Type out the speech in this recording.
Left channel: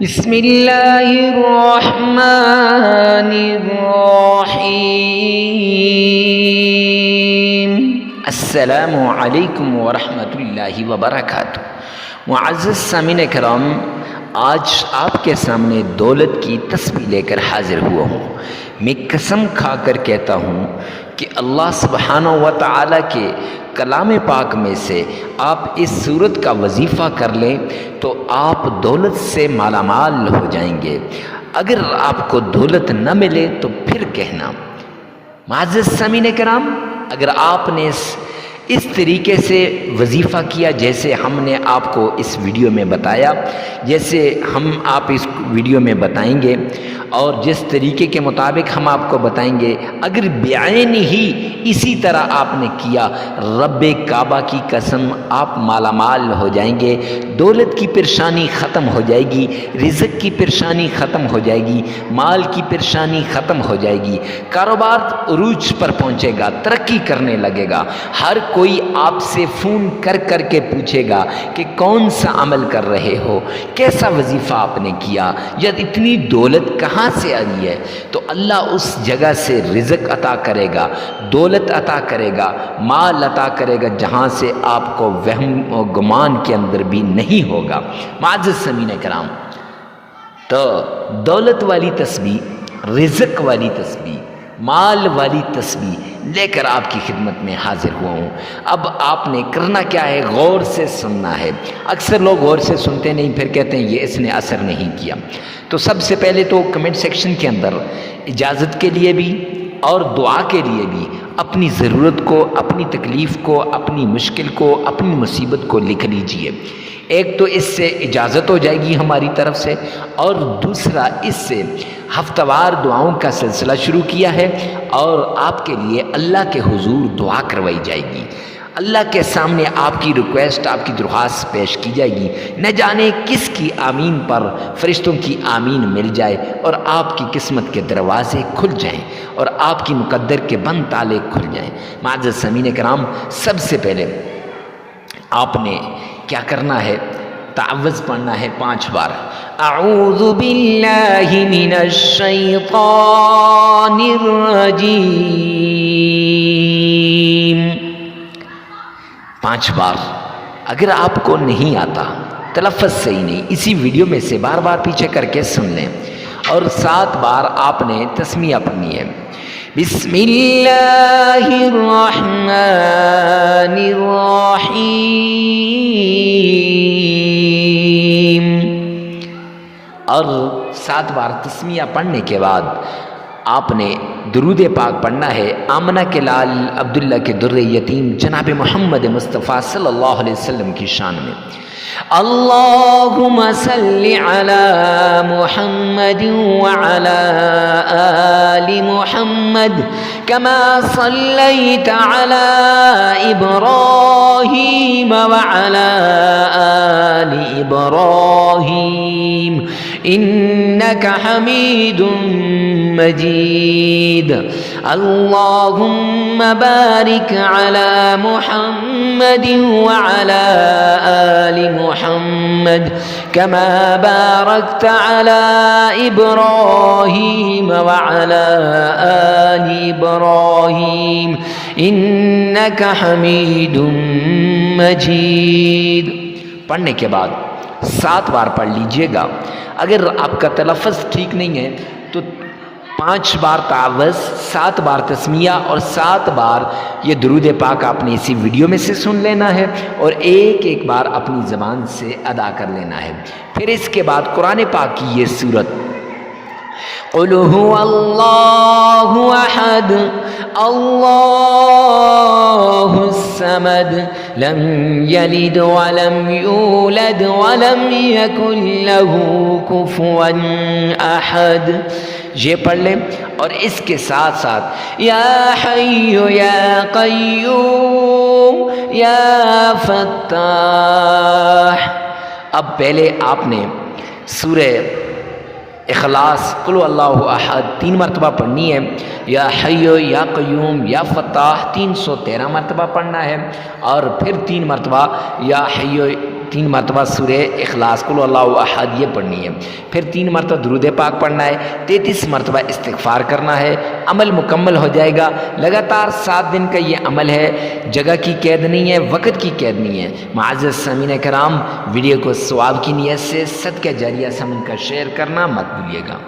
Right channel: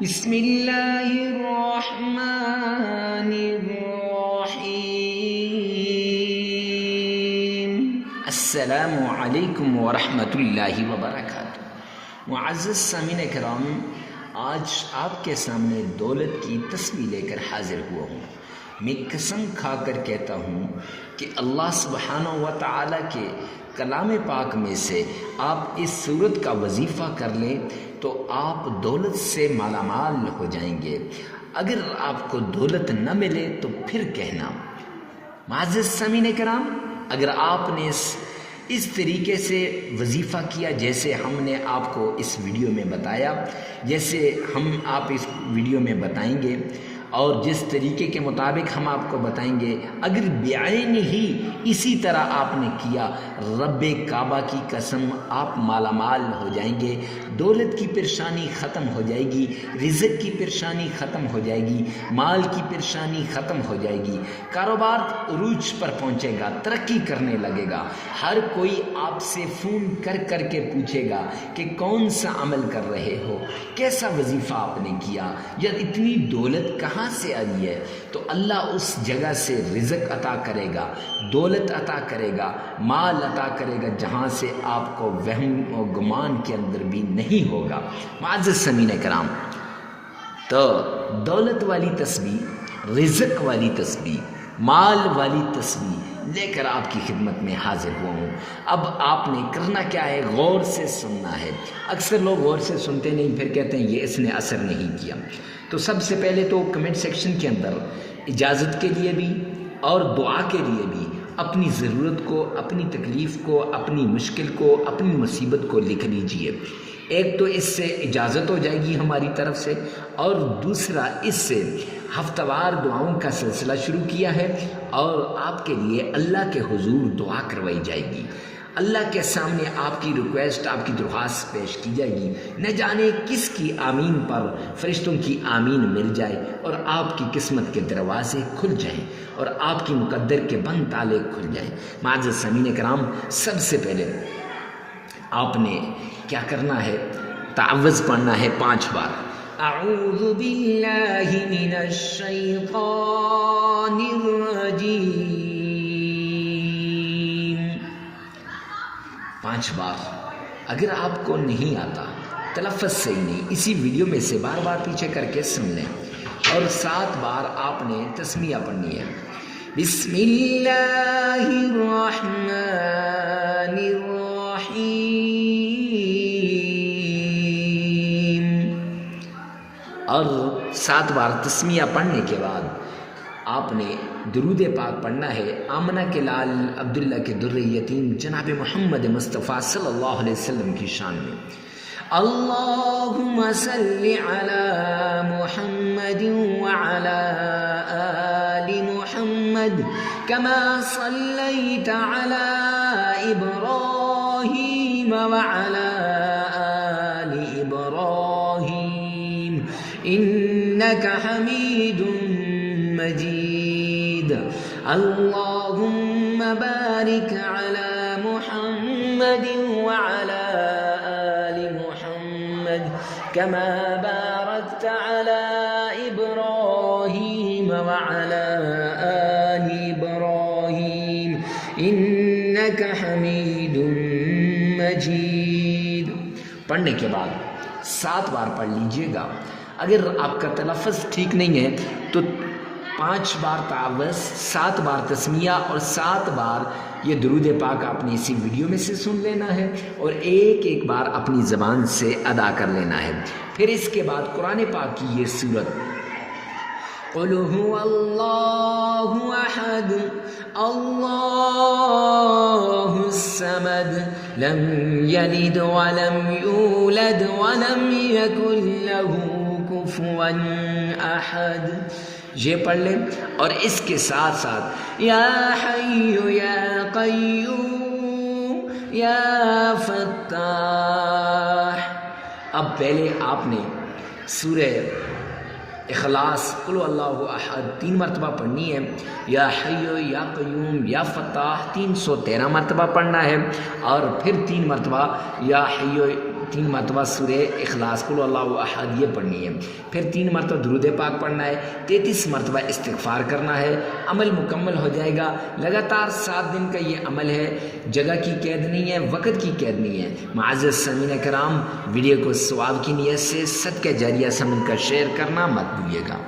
بسم اللہ الرحمن الرحیم۔ السلام علیکم ورحمۃ اللہ وبرکاتہ۔ معزز سامعین کرام، آج آپ کے سامنے دولت کی تسبیح لے کر حاضر ہوا ہوں۔ میں قسم کھا کر کہتا ہوں کہ اللہ سبحانہ و تعالیٰ کے کلام پاک میں سے آپ اس صورت کا وظیفہ کر لیں تو آپ دولت سے مالا مال ہو جائیں گے۔ اگر آپ کو دولت نہ ملے تو پھر کہنا۔ معزز سامعین کرام، اگر آپ نے اس طریقے سے وظیفہ کیا جیسے ہم نے آپ کو اس ویڈیو میں بتایا، جیسے ہم آپ اس ویڈیو میں بتائیں گے اور جس طریقے کے مطابق ہم آپ کو بتائیں گے، اگر بعین ہی اسی طرح آپ نے کیا، رب کعبہ کی قسم آپ مالا مال ہو جائیں گے، دولت کی پریشانی ختم ہو جائے گی، رزق کی پریشانی ختم ہو جائے گی، مال کی پریشانی ختم ہو جائے گی، کاروبار عروج پر پہنچے گا، ترقی کرنے لگے گا۔ ہر کوئی آپ سے فون کر کر کے پوچھے گا کہ کون سا عمل کر رہے ہو، کیسا وظیفہ آپ نے کیا، یا اتنی دولت کہاں سے آئی ہے؟ تو اللہ اس جگہ سے رزق عطا کرے گا، دولت عطا کرے گا، مال عطا کرے گا، جہاں سے آپ کو وہم و گمان کے اندر بھی نہیں ہوگا۔ معزز سامعین کرام، تو دولت والی تسبیح، رزق والی تسبیح، مال والی تسبیح لے کر آپ کی خدمت میں حاضر ہوا ہوں۔ اب آپ نے کرنا کیا ہے؟ غور سے سننا ہے۔ اکثر لوگ غور سے سنتے نہیں، پھر کہتے ہیں یہ اس نے اثر نہیں کیا۔ تو سب سے پہلے تو کمنٹ سیکشن کے اندر اجازت کے لیے بھی اور دعا کے لیے بھی اپنی ضرورت کو، اپنی تکلیف کو، اپنی مشکل کو، اپنی مصیبت کو لکھ لیجئے۔ ایک تو اس سے اجازت ہو جائے گی ہماری طرف سے، اور دوسرا اس سے ہفتہ وار دعاؤں کا سلسلہ شروع کیا ہے اور آپ کے لیے اللہ کے حضور دعا کروائی جائے گی۔ اللہ کے سامنے آپ کی ریکویسٹ، آپ کی درخواست پیش کی جائے گی۔ نہ جانے کس کی آمین پر فرشتوں کی آمین مل جائے اور آپ کی قسمت کے دروازے کھل جائیں اور آپ کی مقدر کے بند تالے کھل جائیں۔ معزز سامعین کرام، سب سے پہلے آپ نے کیا کرنا ہے؟ تعوذ پڑھنا ہے 5 بار۔ اعوذ باللہ من الشیطان الرجیم، 5 بار۔ اگر آپ کو نہیں آتا، تلفظ صحیح نہیں، اسی ویڈیو میں سے بار بار پیچھے کر کے سن لیں، اور 7 بار آپ نے تسمیہ پڑھنی ہے۔ بسم اللہ الرحمن الرحیم، اور 7 بار تسمیہ پڑھنے کے بعد آپ نے درود پاک پڑھنا ہے آمنہ کے لال عبداللہ کے در یتیم جناب محمد مصطفیٰ صلی اللہ علیہ وسلم کی شان میں۔ اللہم صلی علی محمد وعلی آل محمد کما صلیت علی ابراہیم وعلی آل ابراہیم انک حمید مجید۔ اللہم بارک علی محمد وعلی آل محمد کما بارکت علی ابراہیم وعلی آل ابراہیم انک حمید مجید۔ پڑھنے کے بعد 7 بار پڑھ لیجئے گا۔ اگر آپ کا تلفظ ٹھیک نہیں ہے تو 5 بار تعوذ، 7 بار تسمیہ اور 7 بار یہ درود پاک آپ نے اسی ویڈیو میں سے سن لینا ہے اور ایک بار اپنی زبان سے ادا کر لینا ہے۔ پھر اس کے بعد قرآن پاک کی یہ سورت قل هو اللہ احد اللہ الصمد لم یلد ولم یولد ولم یکن له کفوا احد۔ یہ پڑھ لیں، اور اس کے ساتھ ساتھ یا حی یا قیوم یا فتاح۔ اب پہلے آپ نے سورہ اخلاص قل اللہ احد 3 مرتبہ پڑھنی ہے، یا حی یا قیوم یا فتاح 313 مرتبہ پڑھنا ہے، اور پھر 3 مرتبہ یا حی 3 مرتبہ سورہ اخلاص قل اللہ احد یہ پڑھنی ہے، پھر 3 مرتبہ درود پاک پڑھنا ہے، 33 مرتبہ استغفار کرنا ہے، عمل مکمل ہو جائے گا۔ لگاتار 7 دن کا یہ عمل ہے، جگہ کی قید نہیں ہے، وقت کی قید نہیں ہے۔ معزز سامعین کرام، ویڈیو کو ثواب کی نیت سے صدقہ جاریہ سمجھ کر شیئر کرنا مت بھولیے گا۔